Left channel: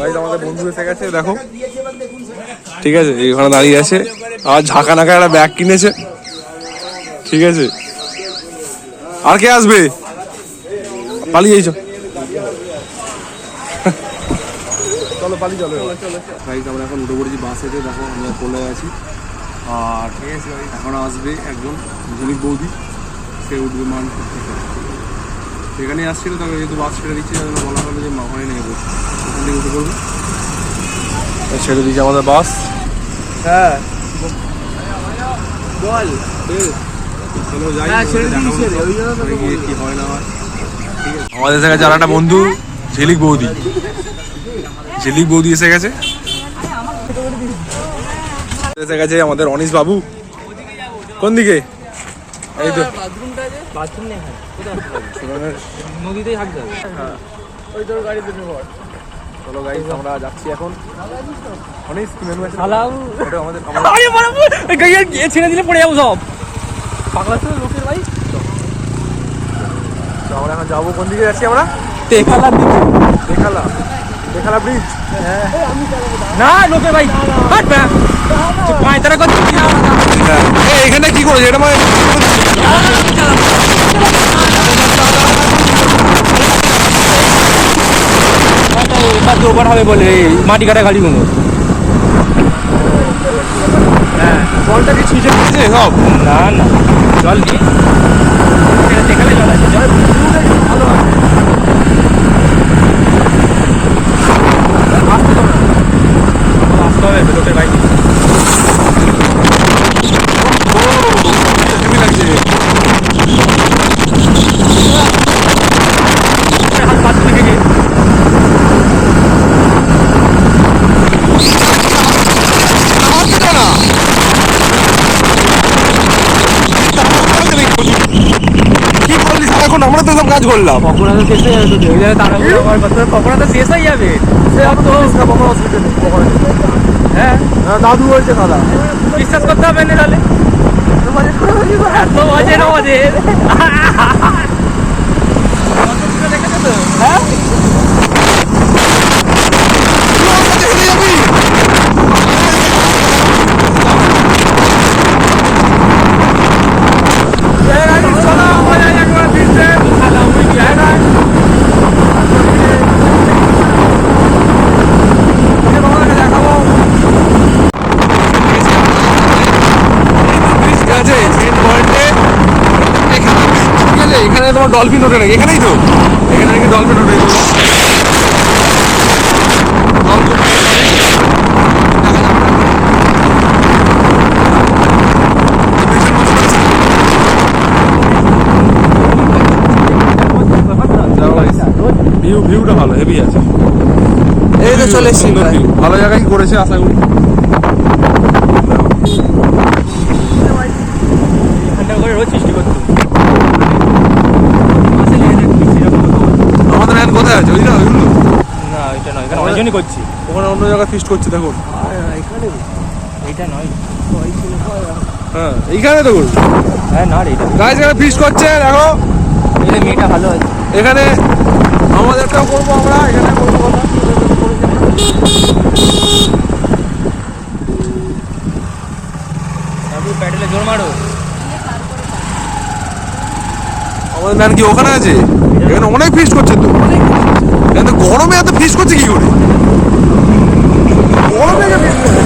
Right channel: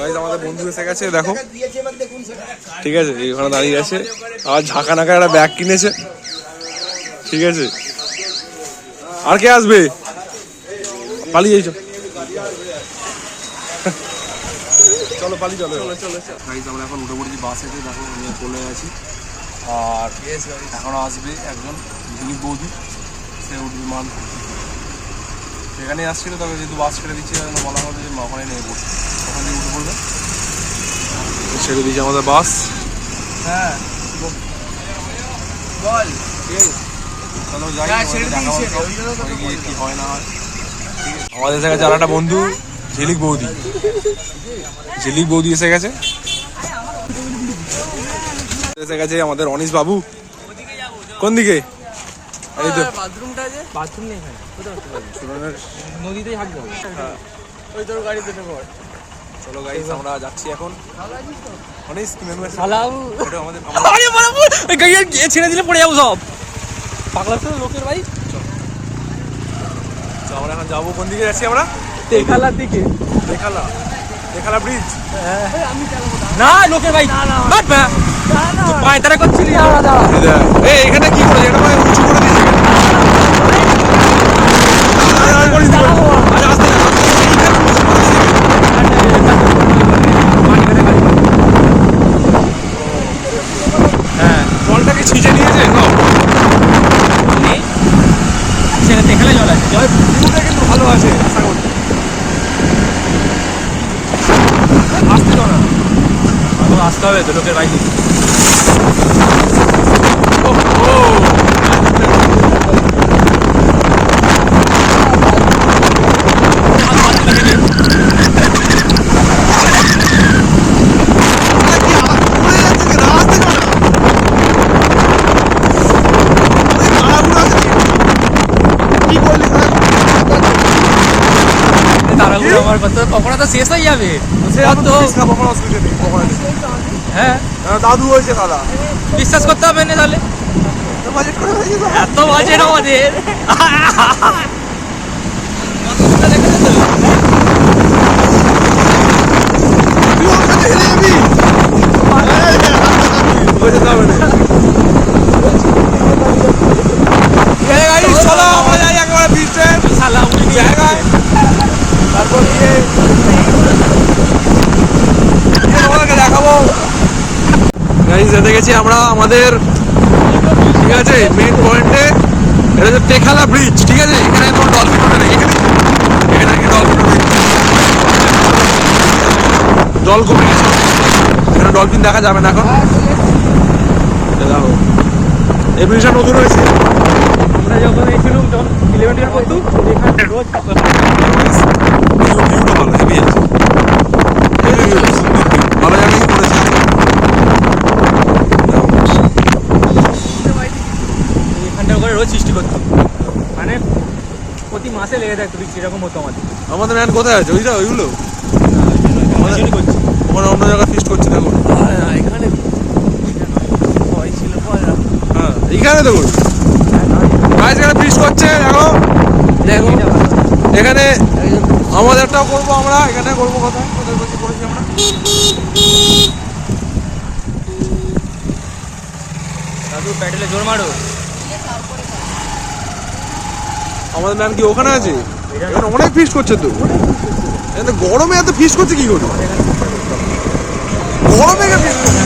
আমাদের বন্ধু এসে গেছে দেখো, ঠিক আছে, এখানে দাঁড়িয়ে আছে আর ঝাঁকা নাকা একটা ব্যাগ কিনেছে, ঠিক আছে। আর কে আসবে? পালিয়ে যাইছো, চলো পালিয়ে চলো। আমরা এখন উঠে পড়েছি বাসেতে, দেখো আমরা চলে আছি। আর এখন আসবে একজন ঝুনিক বৌদি, সে উঠবে মান সেখানে আসছিল, তবে যেহেতু বাস ছেড়ে দিচ্ছি তাহলে বলা হবে যে ওখানে নেমে পড়ছে, ওখান থেকে উঠে পড়বে। ছেড়ে দিয়েছে আমাদের বাস। হ্যাঁ চলো যাই, গিয়ে কি হয় না হয়। আমাদের এসে গেছে আর একটা বন্ধু, ঝিলিক বৌদি। ঝিলিক বৌদি এসে গেছে, এসে গেছে আমাদের অনিশ বাবু। কোন দিকে? এই তো চলো গাইস আমরা যাচ্ছি এখন। অনিশ ছেড়ে দিলে পড়ে যাবো সব পাগলা তো লোকের ভাই। আমরা এখন যাবো কোন দিকে যাচ্ছি আমরা? টেকালার দিকে। টেকালা ব্রিজ না লোকের ভাই, এখানে কি করে এটা মাটি কাটা গাড়ি বলে। হ্যাঁ জলটা কি ছিঁচে দিয়েছে সব? জল নেই, ভিউটা কিন্তু ভালো আছে, আশা করি। আসতে তো না, আসতে হবে বেরোতে বাইক। পকোড়া তো শেষ হয়ে যাবে, হ্যাঁ দাদু হয়েছে দাদা, বিশ্বাস করতে হবে না তাহলে এত বাজেট আমাদের। চলো আমরা যাই একবার বিচের জায়গায়, তারপর তোমাদেরকে দেখাবো। যেতে গেছি আমরা আমাদের, ঠিক আছে, মেন পয়েন্টে। এটা হচ্ছে টেকালা ব্রিজ, ঠিক আছে। এখানে তোমার ডলফিন ওঠে, এখানেই তো, এখানে কি ডলফিন ওঠে, জল কমে গেছে, এখানে ডলফিন দেখা যাবে না এখন। এই ব্রিজটা নতুন হয়েছে, ভিউটা ভালো, হেভি আছে, সুন্দর ভিউ, ভালো জায়গায় করেছে। আমাদের এখন কোথায় আছে ওইটা, ওইগুলো ওখানে অন্য জায়গায় ফিস্ট করছে দেখো। হ্যাঁ এইখানে দেখুন গাছ এখানে ফিস্ট করছে দেখো। এখানে আমাদেরটাও করবো আমরা, এখানে করবো কথা করেছি আমরা। আমাদের ম্যান কি ওখানে আছে? এখানে অনেক ফিস্ট করছে তো, কিন্তু গরমে এত ফিস্ট করছে কি করে? গরমে ফিস্ট করছে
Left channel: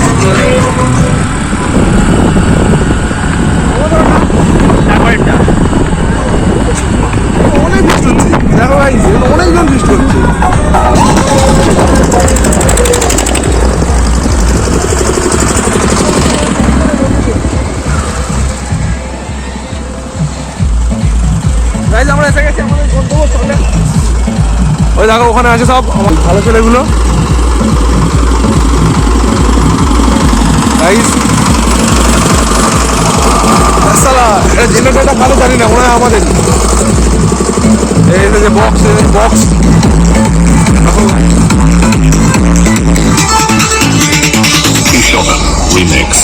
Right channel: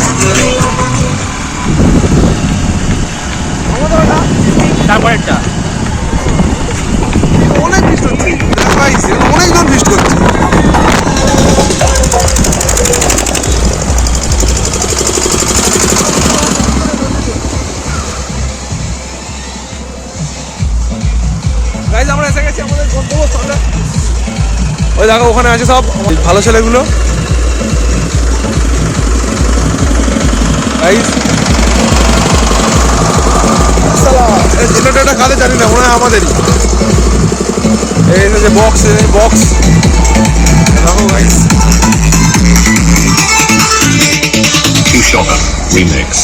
অনেক ফিস্ট হচ্ছে, অনেকজন ফিস্ট করছে। আমরা এসে গেছি আমাদের গন্তব্যস্থলে। ওই দেখো ওখানে আছে সব ভালো ছেলেগুলো। জেনারেটরটা কালে জানি না, মনে হয় আমাদের। এই যে বক্স বক্স দেখো গাইস, রিমিক্স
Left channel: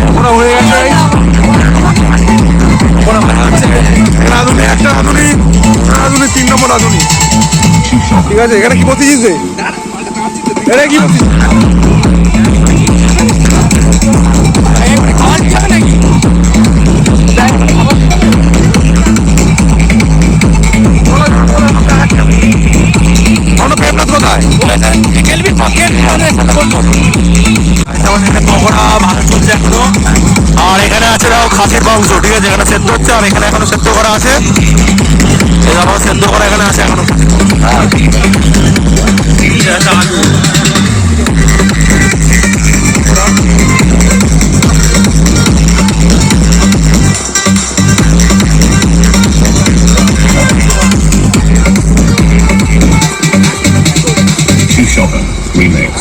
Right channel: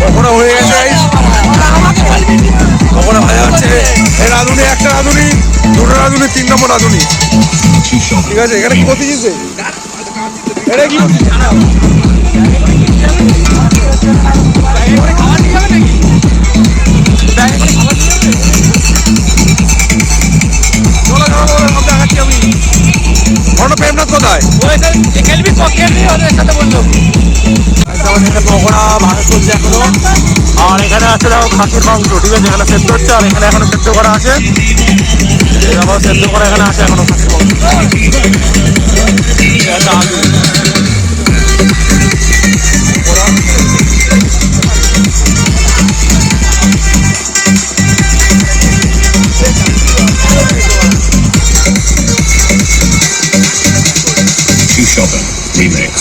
পকোড়া হয়ে গেছে, পকোড়া ভাজা হচ্ছে। এরা রাঁধুনি, একটা রাঁধুনি, দুটো রাঁধুনি, 3 নম্বর রাঁধুনি। ঠিক আছে, এখানে কি করতেছিস রে? এটা কি করছিস? প্রেমনাথ কোথায়? পকোড়া ভালো চলছে এখনো। আর এখানে আছে দাও খাসির মাংস, ঠিক আছে, এখানে সেদ্ধ হচ্ছে। আর এখানে এখনো সেদ্ধ করা আছে, এখানে সেদ্ধ করা এখানে আছে এখনো খাসির মাংস। আলু Remix.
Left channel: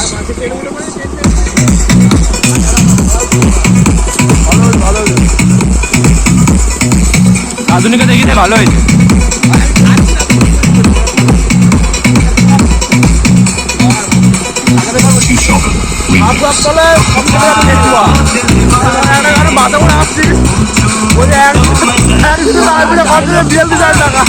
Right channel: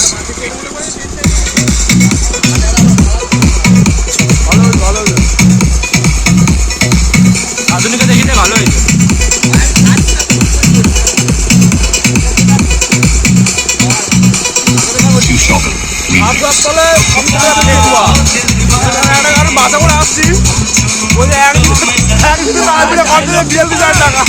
আধুনিক দেখিতে ভালো হয়েছে। মাথা করে আসছি বলে একদিন বিয়াল্লিশ হাজার টাকা।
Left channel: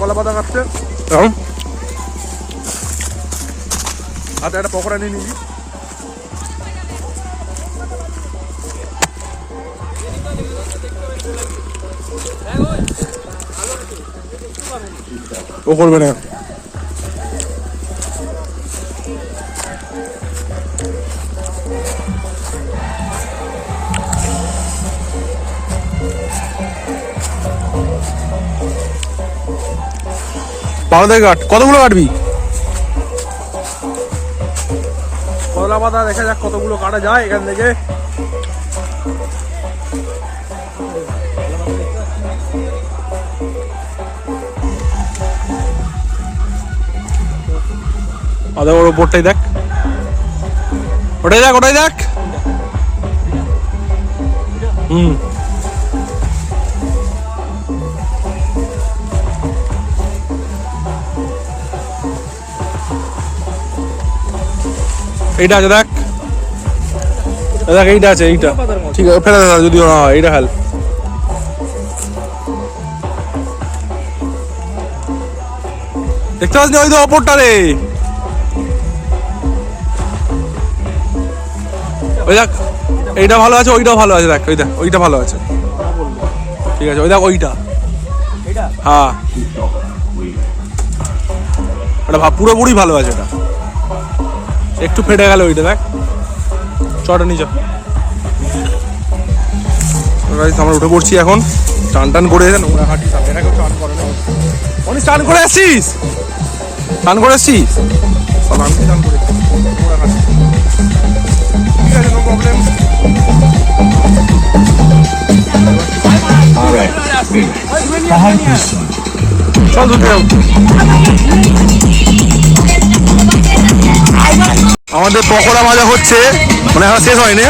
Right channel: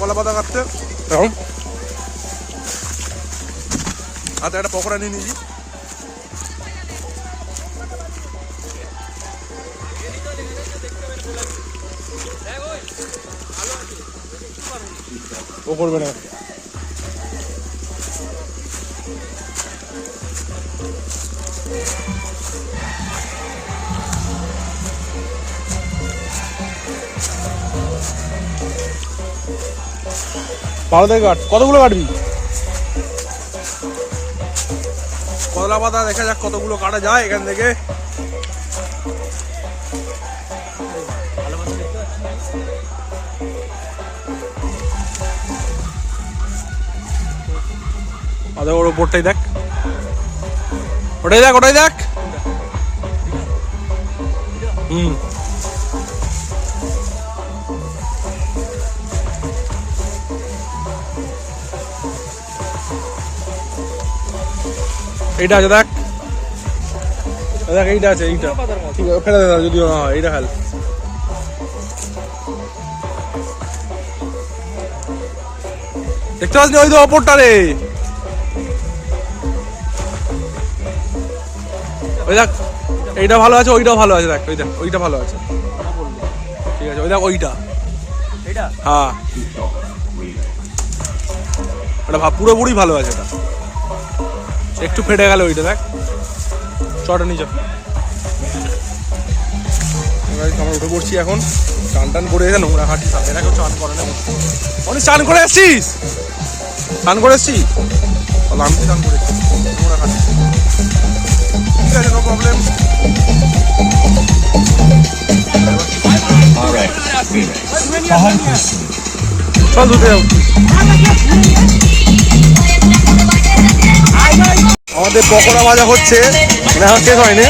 কলা পাতা কাটতে হাতে একটা পকোড়া নিয়ে নিয়েছি। ও করবে না। ভালো থেকে কাট, কতগুলো কাটবি? কলা পাতা দেখা যাক কতগুলো কাটা যায় এখান থেকে। আদা ওর ওপরটাই দেখ, ওটাই দেখ, ওটাই দেখ। এইটা আছে দেখ, দেখ এইটা আছে, এইটা ঠিক আছে, ফেলে দে যদিও না হয়, এইটা হেল। দেখতে পাচ্ছি ওই তো অপরটা রে, ওই দেখ এইটা ভালো আছে, ওইটাও ভালো আছে, দেখ ওই দেখ ওইটা ভালো আছে, ঠিক আছে, ওই দেখ ওইটা, হ্যাঁ ওটা পুরোপুরি ভালো আছে। এটা একটু ফেটে গেল ওইটা, দেখ চটা নিচে। আমরা উঠে পড়ছি এখন, চান টান করে নোংরা ঘাটি, এরা কেউ চান করে না। অনেক চান করে আসছিস, চান করে আসছিস, আমি চান করে নোংরা ঘাটি, ঠিক আছে, নো প্রবলেম। চল ধুতে যাও। আমাদের পকোড়া ভাজা হচ্ছে, মানে এখন শেষ হয়নি।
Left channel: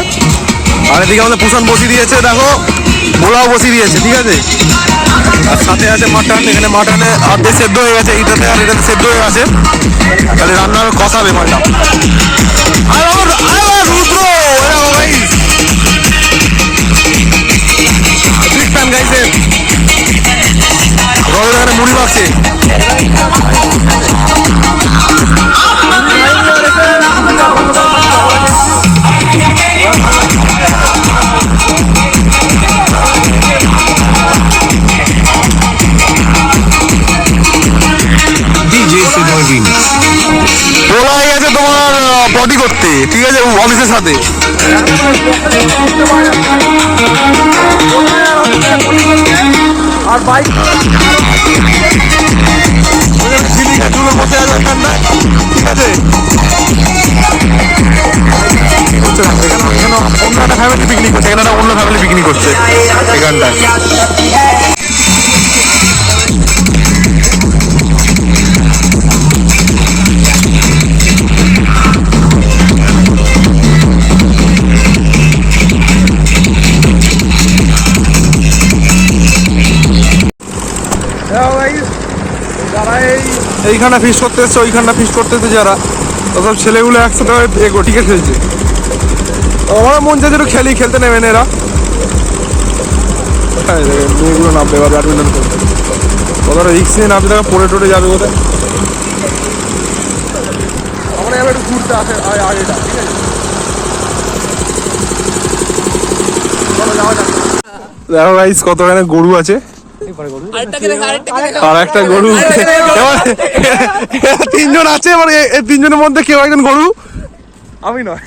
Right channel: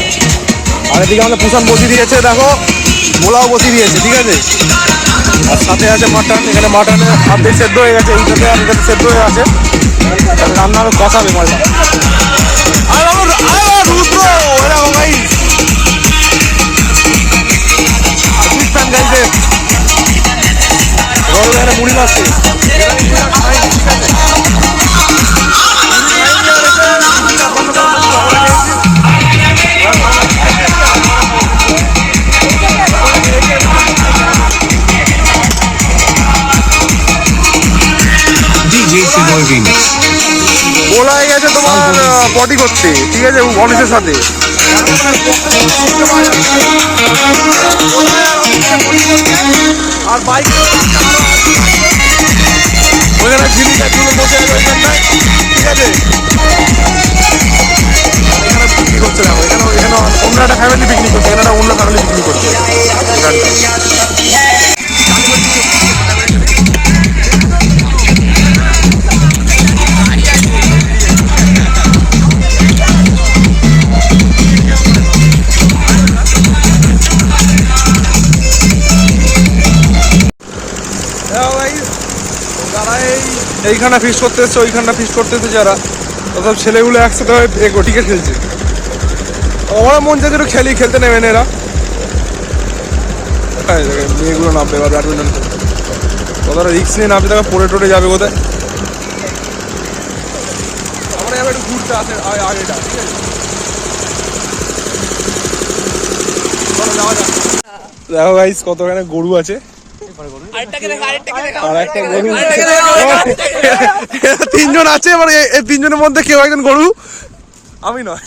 আর এদিকে আমাদের পুষান বসিয়ে দিয়েছে, দেখো মোলাও বসিয়ে দিয়েছে, ঠিক আছে। আর সাথে আছে মাটন, এখানে মাটনে আর্ধেক সেদ্ধ হয়ে গেছে, এইটাতে আর এটাতে সেদ্ধ হয়ে আছে। তাহলে রান্নার কষাবে মালটা। রুদ্র এরকম গাইস, বিগ ফ্যান গাইসের। এখানে মুড়ি মাছে বলাই গেছে তোমার পটি করতে, ঠিক আছে, অফিসের সাথে। আর বাইক বসে যাবে এখানটায়, ঠিক আছে। করছে না এখানে, এখানে অন্য একটা ফ্যামিলি পিকনিক করছে, এখানে অন্য ফ্যামিলি পিকনিক করছে এখানটায়। যারা এইখানে ফিশ করতে এসছে, ওইখানটা ফিশ করতে এসছে যারা, তো সব ছেলেগুলো একসাথে টিকে খেলছে। আমার মন চাইছে একটু খেলতে নেবে না এরা। মেয়েগুলো নামবে এবার ব্যাডমিন্টন খেলতে। কতটা রিক্স নিয়ে নামছে, দেখা পড়ে টোড়ে যাবে কোথায়। আমরা এবার একটু ঘুরতে আসে আগেটা, ঠিক আছে? চলো যাওয়া যাক। দেখো গাইস কতখানে গরু আছে, আর একটা গরু। তিনজন আছে, এবার এই তিনজনের মধ্যে কেউ একজন গরু, আমি নয়।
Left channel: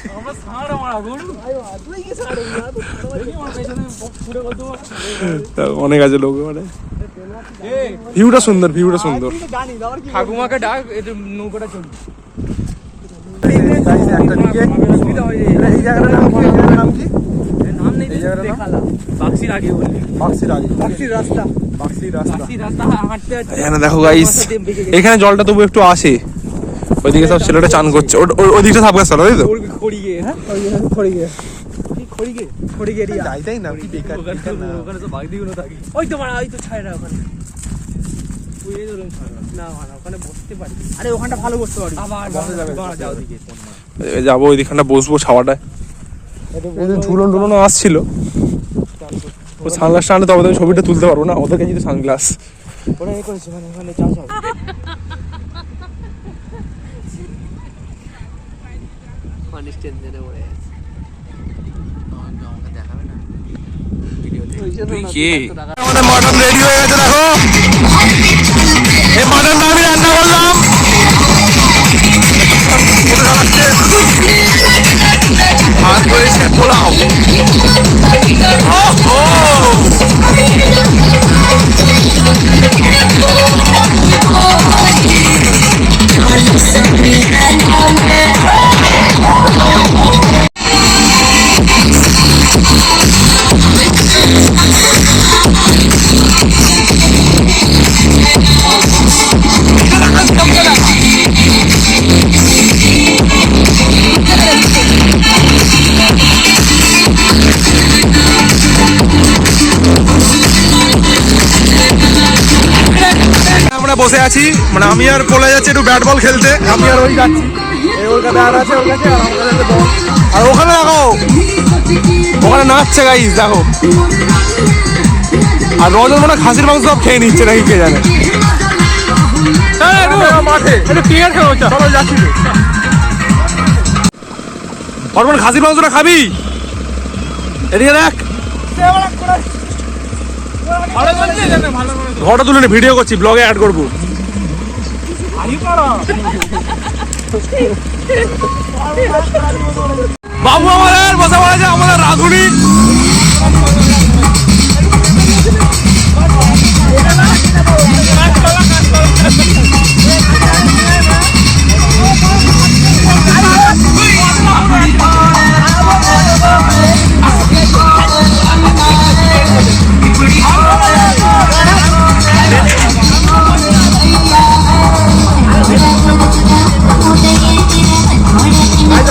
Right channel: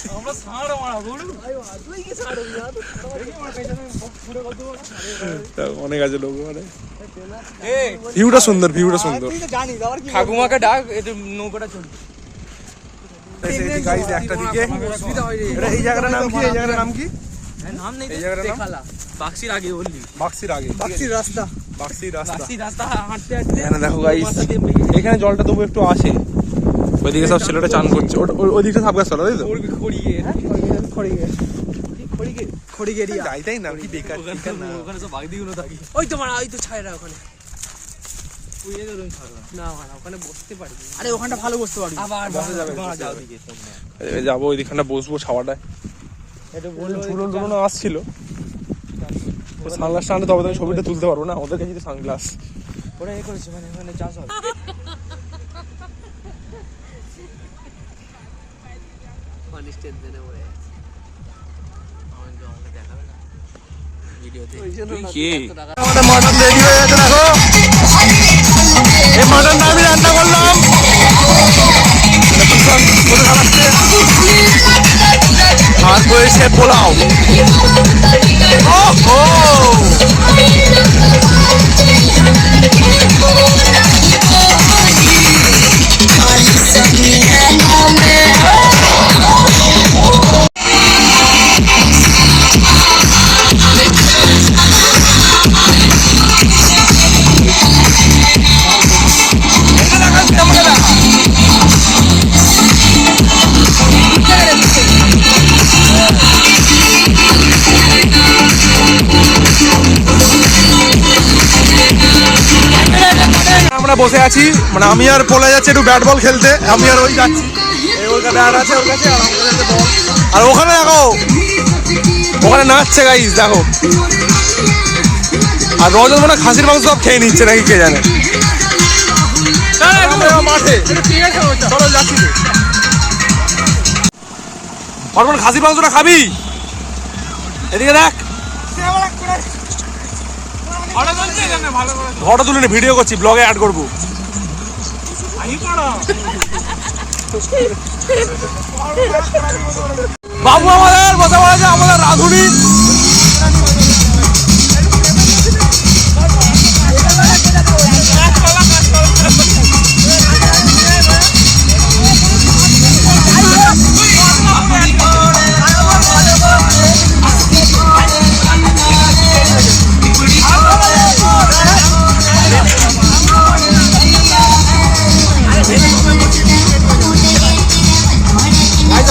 অনেক আছে লোক, মানে ভিউটা সুন্দর, ভিউটা সুন্দর। ঠাকুমাকে ডাক, নৌকাটা চলবে একটা দিকে এই জায়গাটার নাম কি? এই জায়গাটার নাম কি? এই জায়গাটার নাম বাক্সির আগে বাক্সির রাস্তা। রাস্তা হাঁটতে এখানে দেখো গাইস, এখানে জলটা তবু একটু আসে। ওইদিকে সব ছেলেটা চান করছে, ওই দিকটা সাপ গাছ, তাই তো? যাইতাই না কি বেকার না। ওই তো মারা, ওই তো ছায়রা ওখানে। না ওখানে বসতে পারবি, আরে ওখানটা ভালো বসতে পারবি। বসা যাবে, যাবো ওই দিকখানটা বসবো ছাওয়াটায়। ধুলো আসছিল, সানগ্লাসটা আনলে তবে ছবিটা তুলতে পারবো না, ওদের কাছে সানগ্লাস। ওরা এ করেছে মানে চাষ হবে। আমাদের মাটন রেডি হয়ে গেছে, দেখো এই মাটনটা আমি রান্না করলাম। আর রয়েছে পোলাও। আমরা বসে আছি, মানে আমি আর পোলা যাচ্ছি একটু ব্যাট বল খেলতে। আমি আর ওই যাচ্ছি, এই ওর কাছে ব্যাট আছে ওর কাছে, আর আমার কাছে বল। আর ওখানে দেখো, ওখানে নাচছে গাইস, দেখো। আর রজত মনে খাসির মাংস সব খেয়ে নিচ্ছে নাকি কে জানে। মাঠে চলো যাচ্ছি তো। হরমোন খাসির মাংসটা খাবি? এদিকে দেখ, ঘরটা তুলে নে, ভিডিও করছি, ব্লগে অ্যাড করবো। বাবু আমাদের বসে পড়েছে, আমাদের রাঁধুনি।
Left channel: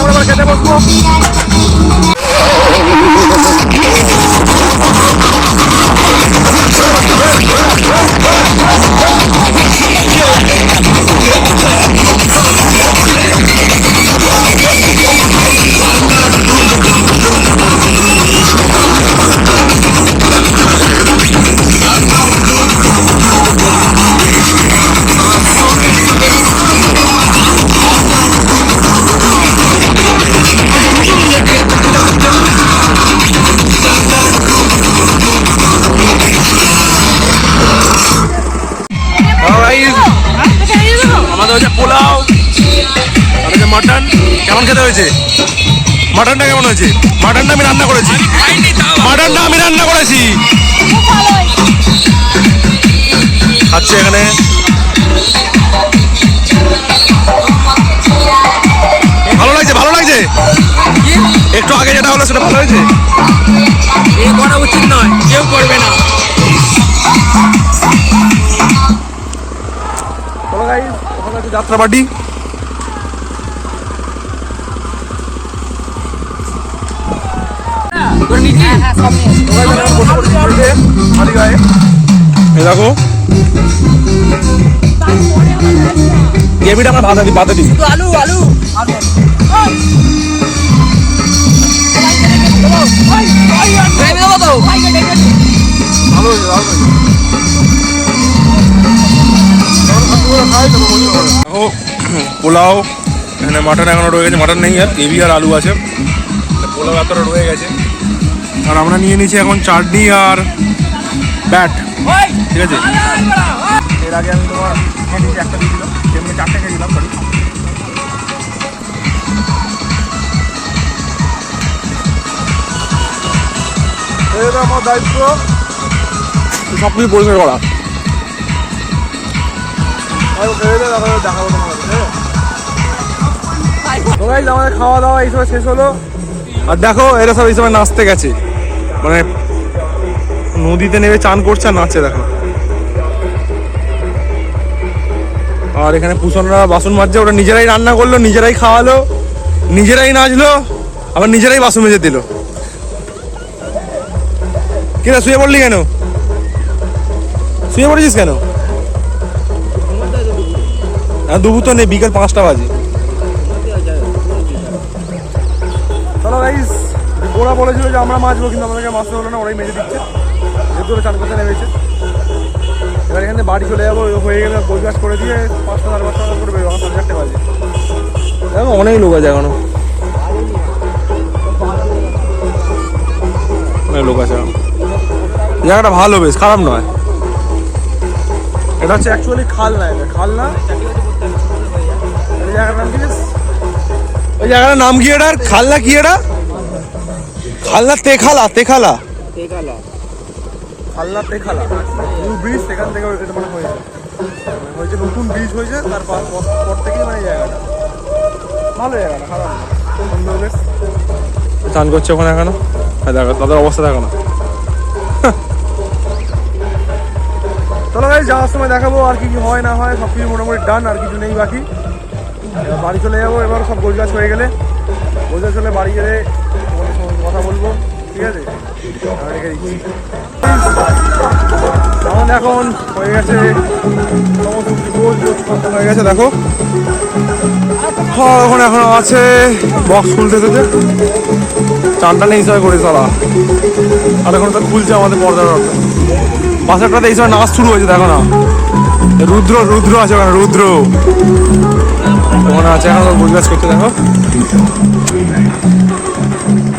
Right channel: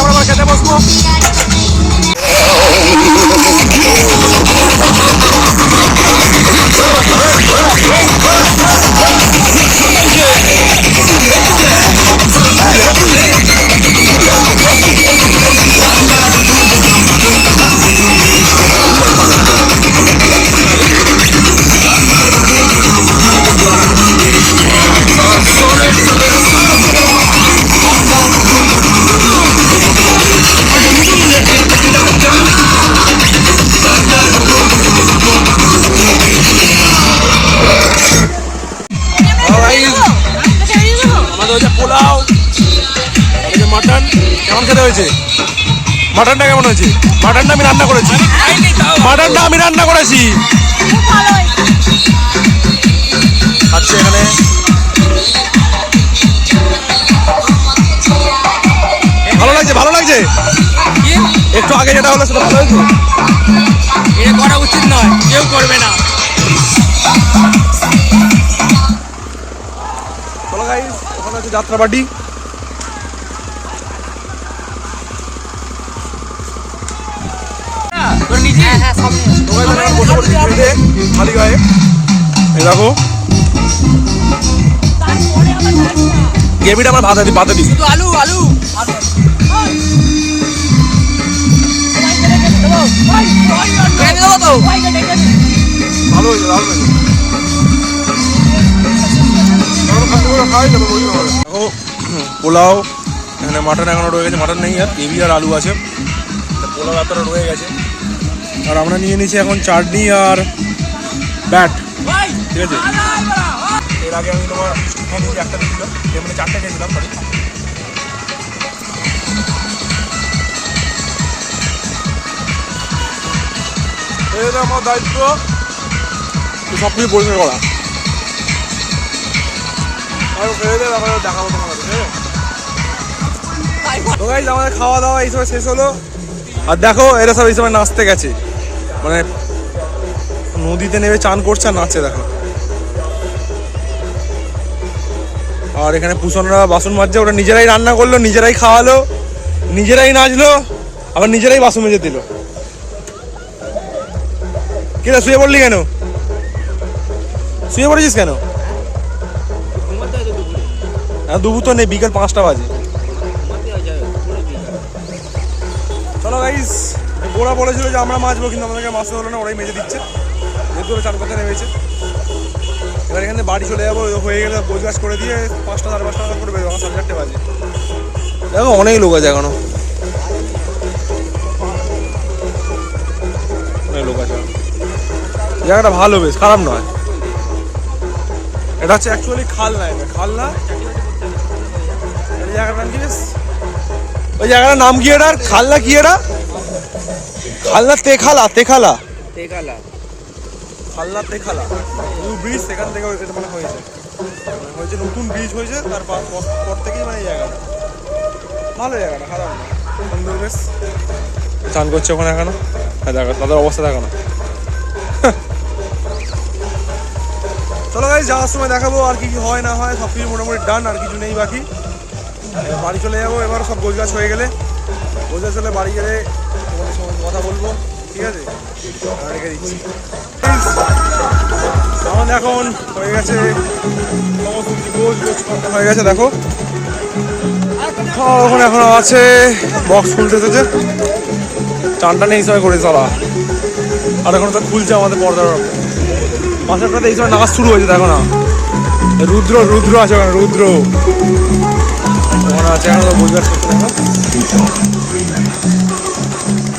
আমরা খেতে বসবো। আমাদের হচ্ছে পোলাও, আর হচ্ছে মাটন। কেমন খেতে হয়েছে? মাটনটা কেমন হয়েছে? মাটনটা আমি রান্না করেছি, মাটনটা আমি রান্না করেছি। খাচ্ছে এখানে। ভালো লাগছে, ভালো লাগছে। একটু আগে যেটা হলো সেটা ভালো হয়েছে। এটা করা উচিত নয়, কেউ করবে না। চলো গাইস, ওখানে আছে যাত্রাবাড়ি। বসে পড়েছি খালি গায়ে। এই দেখো গ্রেভিটা আমার ভাতে দিই শুধু আলু আলু ভালো হয়েছে দেখো পোলাও এখানে মাটন এখনো রয়ে গেছে, মাটন নেই আর গ্রেভি আর আলু আছে, পোলাও এতটা রয়ে গেছে। আর আমরা নিয়ে নিয়েছি এখন চাটনি আর ব্যাট, ঠিক আছে। এর আগে আমি তোমার একটা দিয়েছিলাম, মানে 4টে খেয়েছিলাম, সরি। এটা আমার দায়িত্ব সব কিছু পরিষ্কার করা। দেখাবো তোমাদের, ঠিক আছে? তো গাইস আমাদের খাওয়া দাওয়া এই সময় শেষ হলো। আর দেখো এরা সব এই সময় নাচতে গেছে, মানে নদীতে নেমে চান করছে আর নাচছে দেখো। আর এখানে পুষনরা বাসন মাজছে, ওরা নিজেরাই রান্না করলো, নিজেরাই খাওয়ালো, নিজেরাই নাচলো, আবার নিজেরাই বাসন মেজে দিল। কিরা শুয়ে পড়লি কেন? শুয়ে পড়েছিস কেন? হ্যাঁ দুপুর তো নেই, বিকেল 5টা বাজে। চলো গাইস, ওরা বলেছিল যে আমরা মাছবো, কিন্তু আমাদেরকে মাছতে হলো না, ওরাই মেজে দিচ্ছে, যেহেতু ওরা চান করতে নেমেছে। এবার এখানে বাড়ি চলে যাবো, হয়ে গেলে গোছ গাছ করে দিয়ে 5টা 5:30 টাকা করে বেরোবো, 4:30 বাজে। দেখো অনেক লোক আছে এখনো, অনেক লোক আছে। জায়গাটা ভালো, বেশ খারাপ নয়। এটা হচ্ছে অ্যাকচুয়ালি খালনা, এটা খালনা। জায়গাটার নাম কি? ওই জায়গাটার নাম কি? এটা খালনা কি? এটা খালনা তেখালা, তেখালা খালনা তেখালা নিউ ব্রিজ, সেখান থেকে এটা মানে হয়েছে নতুন ব্রিজ হয়েছে, তার পর থেকেই মানে জায়গাটা ভালো, জায়গাটা খারাপ না, সুন্দর বেশ। চান করছে ওখানে এখনো, দেখো তাদের অবস্থা দেখো না। চলো গাইস, যাওয়ার সময় দেখাবো আর কি কি হয় না হয়, সব কিছু মোটামুটি ডান, আর কিছু নেই বাকি। এবার বাড়ি চলে যাবো, এবার সব গোছগাছ হয়ে গেলে, গোছগাছ হলে বাড়ি গেলে তোমাদের সঙ্গে কথা বলবো, ঠিক আছে? আমি রেখে দিচ্ছি। আমাদের এখন হয়ে গেছে সমস্ত কিছু গোছ হয়ে গেছে, দেখো ওখানে এখন আছে বক্স খুলতে এসেছে, চানটা নেই সময় করে চলা। আর এখন তো খুলছে আমাদের পর্দার পাশেরটাতে এই সময় নাচ শুরু হয়েছে, দেখো না, রুদ্র আছে ওখানে, রুদ্র ওখানে আছে, এখন গোছ গাছ করতে। দেখো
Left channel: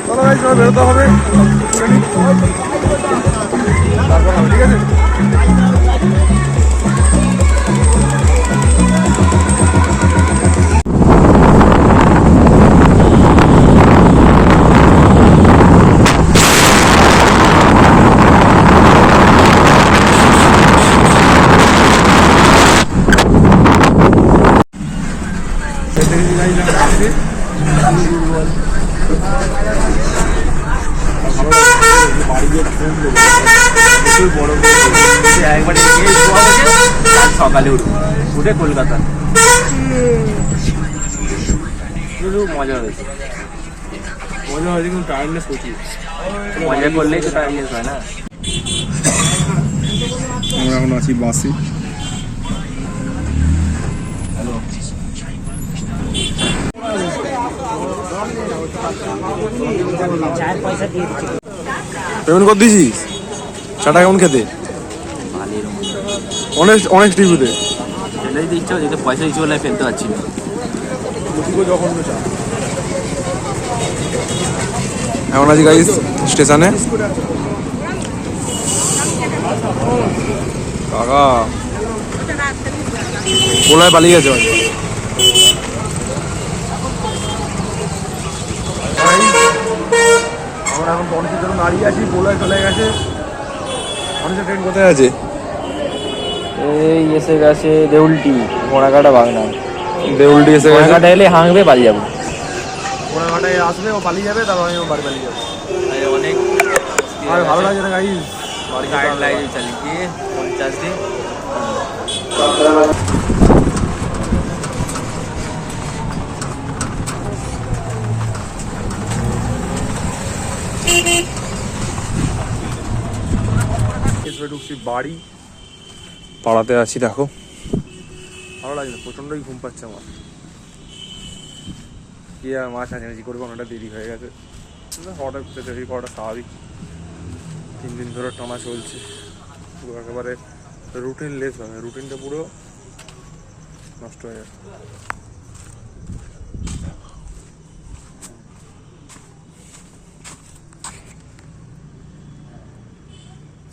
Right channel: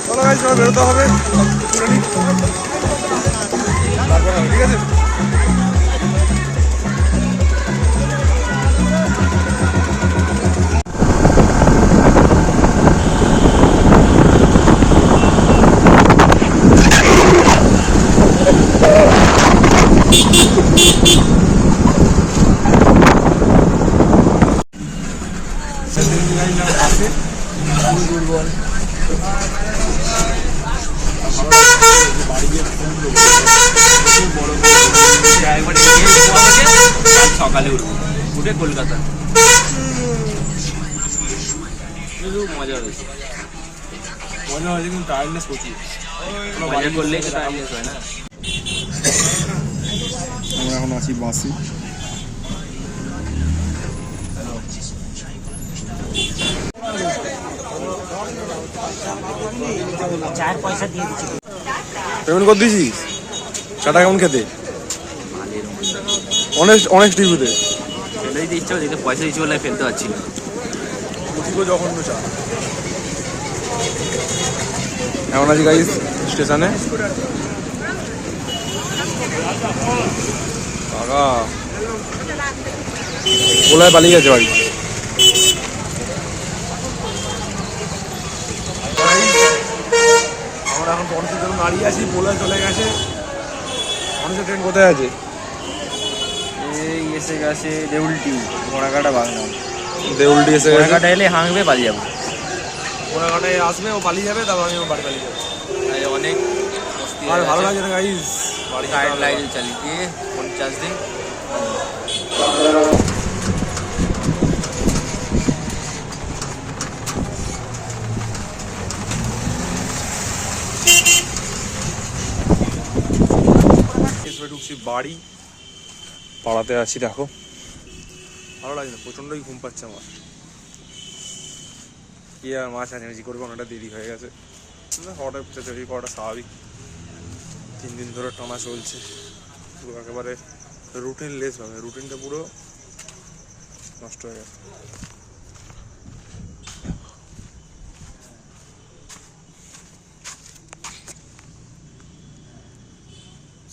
চলো গাইস, সবাই বেরোতে হবে, তুলে নিই, তারপর হবে, ঠিক আছে? একবারে গিয়ে ঘুমাবো, কাল সকালে উঠবো, উঠে কলকাতা। শুধু মজা হয়েছে, কিন্তু টায়ার্ডনেস প্রচুর। মজা করলেই তো টায়ার্ডনেস হয় না। আমরা এখন আছি বাসে। পেমেন্ট করে দিয়েছিস? চাটা কেমন খেতে? অনেক টিভিতে ফেলে দিতে ইচ্ছা হচ্ছে, পয়সা দিচ্ছি বলে ফেলতে পারছি না। জঘন্য চা। এখন আছি গাইস স্টেশনে। কাকা কোলায় পালিয়ে গেছে বাড়ি। আমরা এখন গণেশের জন্য দাঁড়িয়ে আছি, বোলায় চলে গেছে। গণেশের ট্রেন কোথায় আছে? এই এসে গেছে দেউলটি, ঘোড়াঘাটা বাগনা। দেউলটি এসে গেছে, ঘোড়াঘাটা এলে হাঁকবে, পালিয়ে যাবো। ঘোড়াঘাটায় আসবে, ও পালিয়ে যাবে, তারপর আমি বাড়ি পালিয়ে যাবো। আর ভালো লাগে না গাইস, বাড়ি যেতে হবে। 50 দিন ঢুকছি বাড়ি, পাড়াতে আছি। দেখো ভালো লাগে না, প্রচণ্ডই ঘুম পাচ্ছে আমার। কি আর মা চাঁচামেচি করবে, অনেকটা দেরি হয়ে গেছে। হঠাৎ চাঁচামেচি করাটা স্বাভাবিক, 3 দিন ধরে টানা চলছে, পুরো একেবারে রুটিন লেস ভাবে, রুটিনটা পুরো নষ্ট হয়ে গেছে।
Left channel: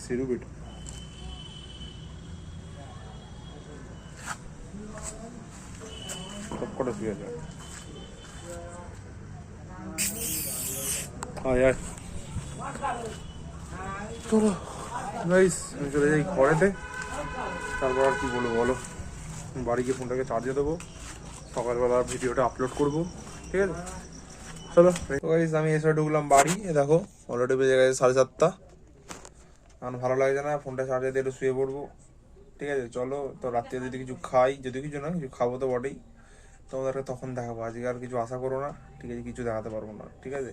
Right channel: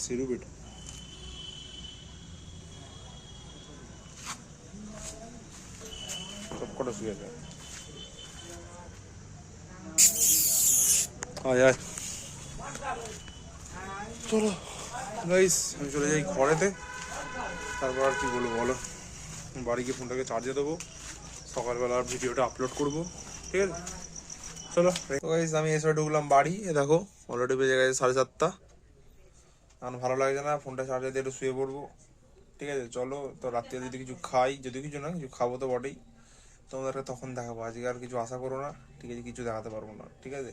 সিরু বেটা সব কটা শুয়ে আছে। চলো গাইস, আমি চলে যাই ঘরেতে। তারপর আর কি বলবো বলো, বাড়ি গিয়ে ফোনটাকে চার্জে দেবো, সকালবেলা ভিডিওটা আপলোড করবো, ঠিক আছে? চলো গাইস, আমি এসে ঢুকলাম বাড়ি। দেখো অলরেডি বেজে গেছে 7:30। এখন ভালো লাগছে না, ফোনটা চার্জে দিয়ে একটু শুয়ে পড়বো, ঠিক আছে? চলো তো, রাত্রে যদি কিছু খাই, যদি কিছু না কিছু খাবো তো বটেই, তোমাদেরকে তখন দেখাবো। আজকে আর কিছু আশা করো না, ঠিক আছে? কিছু দেখাতে পারবো না, ঠিক আছে?